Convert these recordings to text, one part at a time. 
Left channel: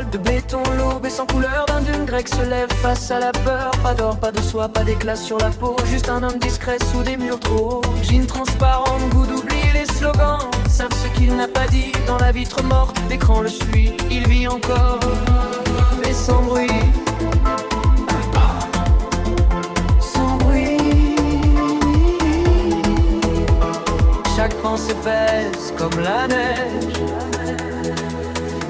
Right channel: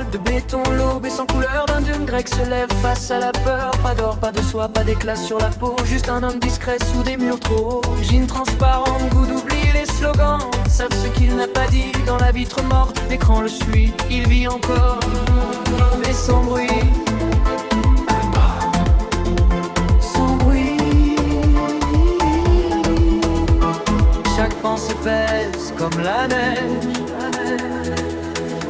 Alpes de béton, l'aube et sans couleur d'un dune grec se lève face à la peur. Pas d'or, pas de soie, pas d'éclat sur la peau, juste un homme discret sous des murs trop hauts. Jean transparente, goût d'oubli, les slogans savent ce qu'il n'a pas dit. Dans la vitre morte, l'écran le suit, il vit encore, mais sans bruit. Sans bruit. Chaque pensée pèse comme la neige.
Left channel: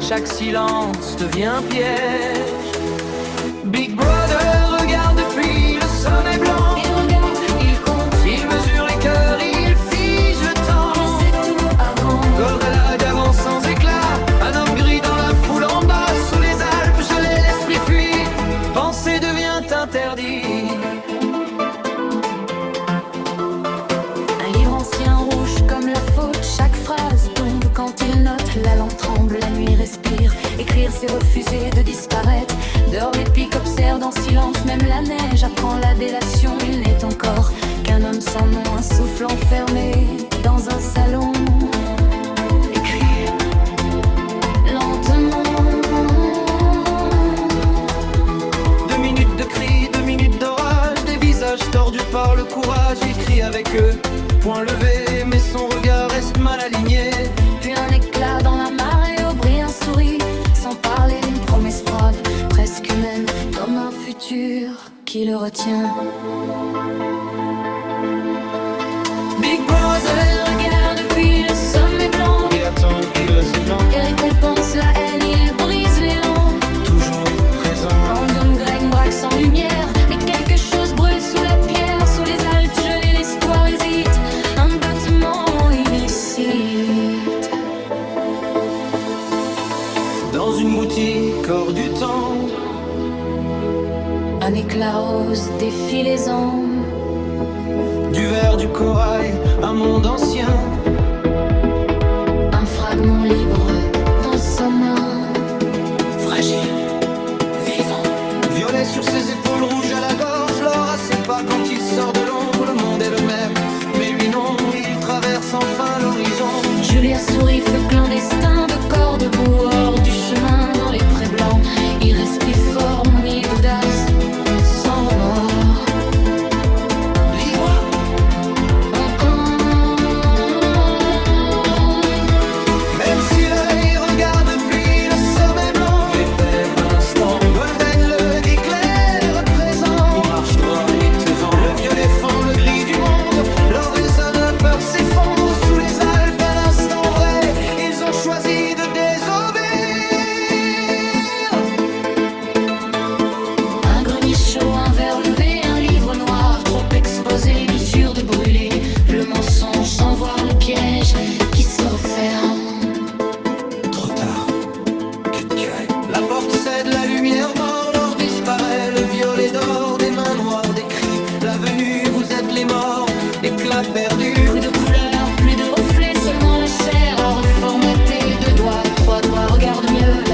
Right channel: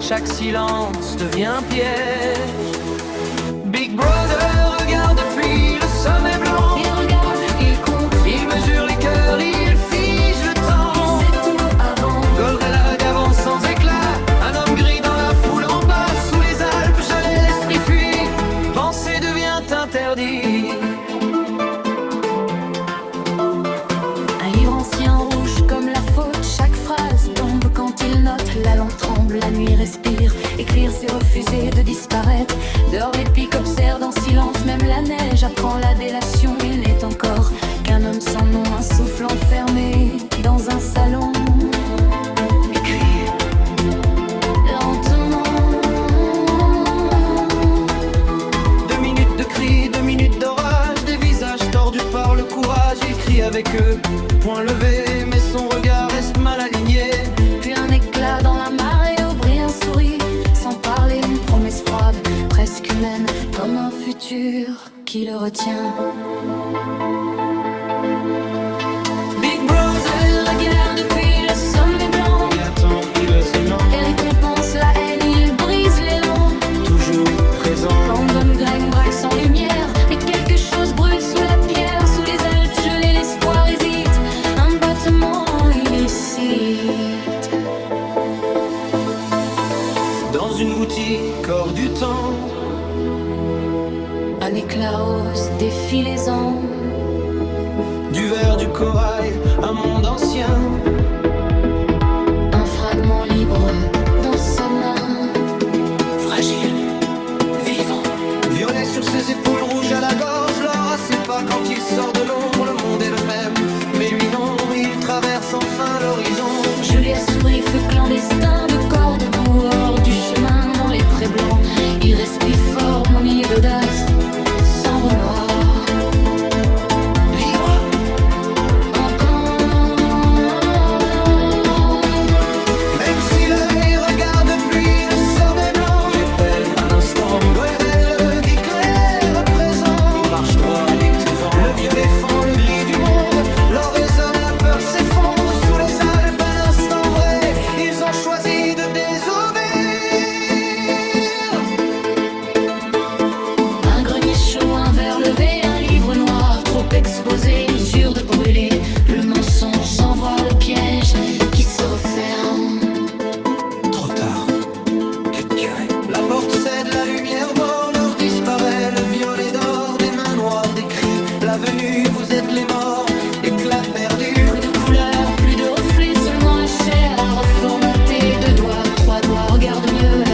Chaque silence devient piège. Big Brother regarde depuis le sommet blanc. Il regarde, il compte, Il mesure les cœurs, il fige le temps. il sait tout avant. Goldralag avance sans éclat. Un homme gris dans la foule en bas. Sous les Alpes, gelé, l'esprit fuit. Penser devient interdit. Un livre ancien rouge comme la faute. Chaque phrase tombe quand il note. La langue tremble, la nuit respire. Écrire c'est refuser de disparaître. Dehors les pics observent en silence. Même la neige apprend la délation. Il n'est encore qu'un homme sans nom. Un souffle enfermé dans un salon. Écrit lentement. 2 minutes de cris, 2 minutes d'orage. Des visages tordus par le courage. Il crie avec eux, point levé, mais son regard reste mal aligné. Puis un éclat dans la marée, au bris un sourit. Sans parler d'une promesse froide, presque humaine, comme un futur qui le retient. Big Brother Regarde depuis le sommet blanc. il attend, il s'élan, Et récompense la haine, il brise l'élan. toujours présent. Random Greg braque sans lumière. Mais quelque chose brûle sous la pierre. Sous les Alpes gelées, l'espoir hésite. Un battement illicite. Dans une boutique hors du temps, Un éclat rose défie les ans. du verre, du corail, un monde ancien. Un fragment libre dans sa main. Fragile, vivant. Violet sur ses épaules, rouge à la gorge. L'or à ses pas quand il sort de l'ombre. Le monde est le même, mais lui non. Il traverse enfin l'horizon. Julia sourit, feu clandestin. De corps debout hors du chemin. Dans les prés blancs, il respire fort, mouillé d'audace, sans remords. Libre, Encore. même si l'œil regarde depuis le sommet blanc. Il espère un instant. Golden, le gris clair présent. Il marche droit, étonnant. Le violet fend le gris du monde. L'or résonne, la peur s'effondre. Sous les Alpes, un instant vrai. Ils ont choisi de désobéir. Un grenier chaud, un verre levé, un livre noir trop exposé. Il jure de brûler le mensonge sans voir le piège qui se referme. Trop tard, que tu ailles. La porte cède, la lumière mord, l'or disparaît, le violet d'or, des mains noires, des cris. La venue, vous êtes les morts, éclat perdu. Plus de couleurs, plus de reflets, seulement la chair à reformater. 2 doigts, 3 doigts, regarde mieux